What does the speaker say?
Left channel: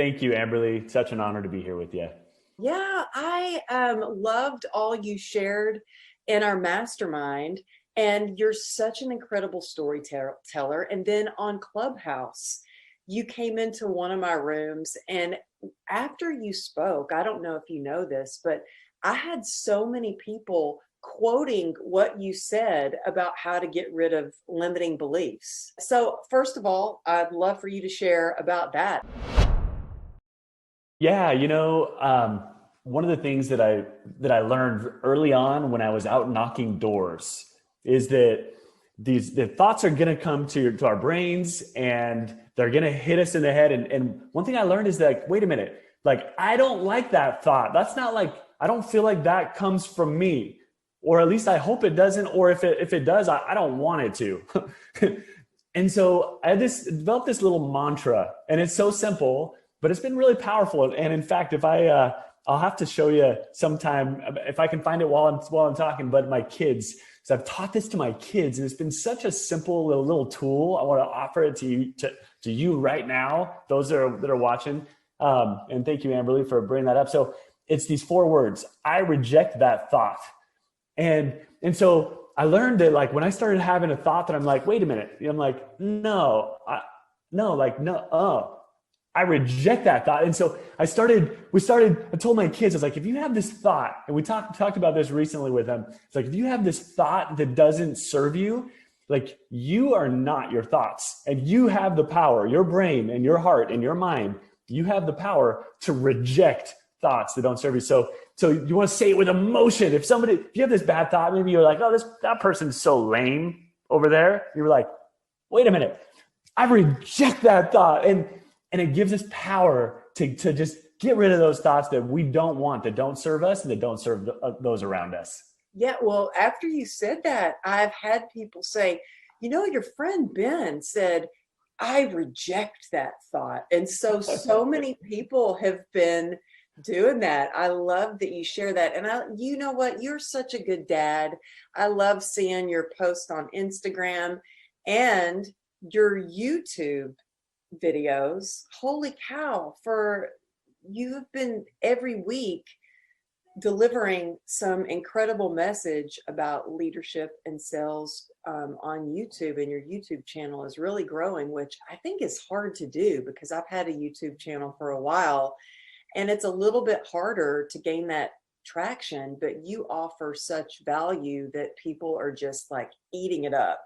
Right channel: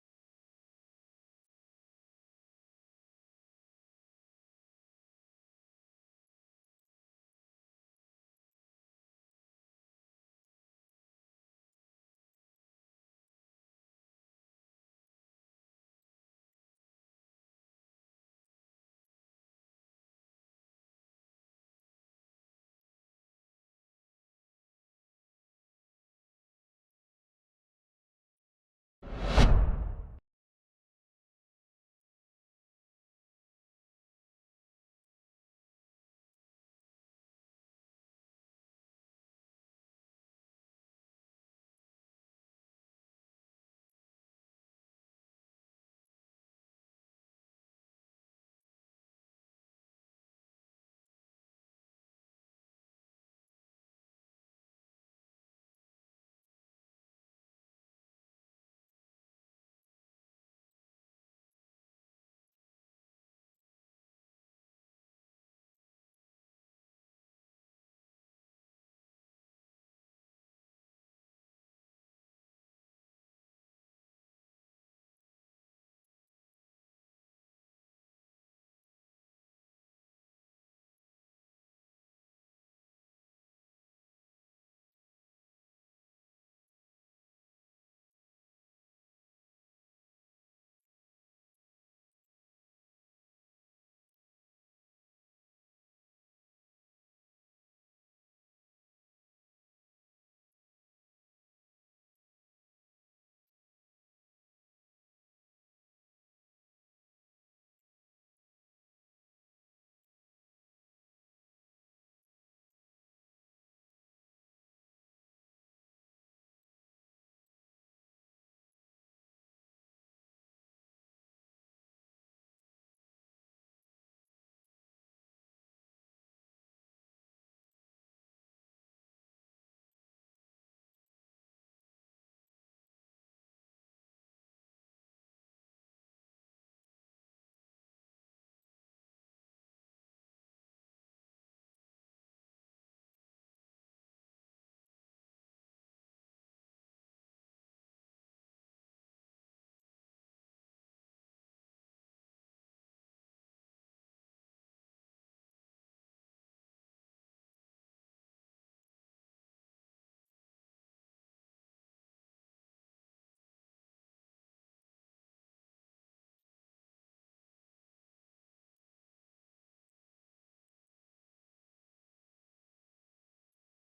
Thank you, Amberly. Such an honor to be here with you. Yeah, I loved all you shared in our mastermind, and you're such an incredible storyteller. And then on Clubhouse, you came into one of my rooms, and after you spoke, I don't know if you know this, but I had so many people quoting what you said about how to get rid of limiting beliefs. So, first of all, I'd love for you to share about that. Yeah, one of the things that I learned early on when I was out knocking doors is that the thoughts are gonna come to our brains and they're gonna hit us in the head. And one thing I learned is that, wait a minute, like I don't like that thought. That's not like I don't feel like that comes from me, or at least I hope it doesn't. Or if it does, I don't want it to. And so I developed this little mantra, and it's so simple, but it's been really powerful. And in fact, if I'll have to show you sometime if I can find it while I'm talking. But my kids, so I've taught this to my kids, and it's been such a simple little tool. I want to offer it to you right now, those that are watching. And thank you, Amberly, for bringing that up. So it's these 4 words: I reject that thought. And so I learned that, like, when I started having a thought that I'm like, wait a minute, I'm like, no, I reject that thought. And so I told my kids, I was like, if you have this thought, and we talked about this recently with them, it's like, if you have this thought that doesn't serve you, like, you are not your thoughts, and you have the power, your brain and your heart and your mind, you have the power to reject thoughts that don't serve you. So you want to say it with emotion. If you have this bad thought, maybe you're like, oh, that person's so lame over there. You're like, wait a minute, I reject that thought. And it gives us power to just get rid of those thoughts that we don't want, that don't serve us and that don't serve those around us. Yeah, well, after you said that, I've had people say, your friend Ben said, I reject that thought. And so many people have been doing that. I love that you share that. And you know what? You're such a good dad. I love seeing your post on Instagram and your YouTube videos. Holy cow, you've been every week delivering some incredible message about leadership and sales on YouTube, and your YouTube channel is really growing, which I think is hard to do because I've had a YouTube channel for a while and it's a little bit harder to gain that traction, but you offer such value that people are just like eating it up.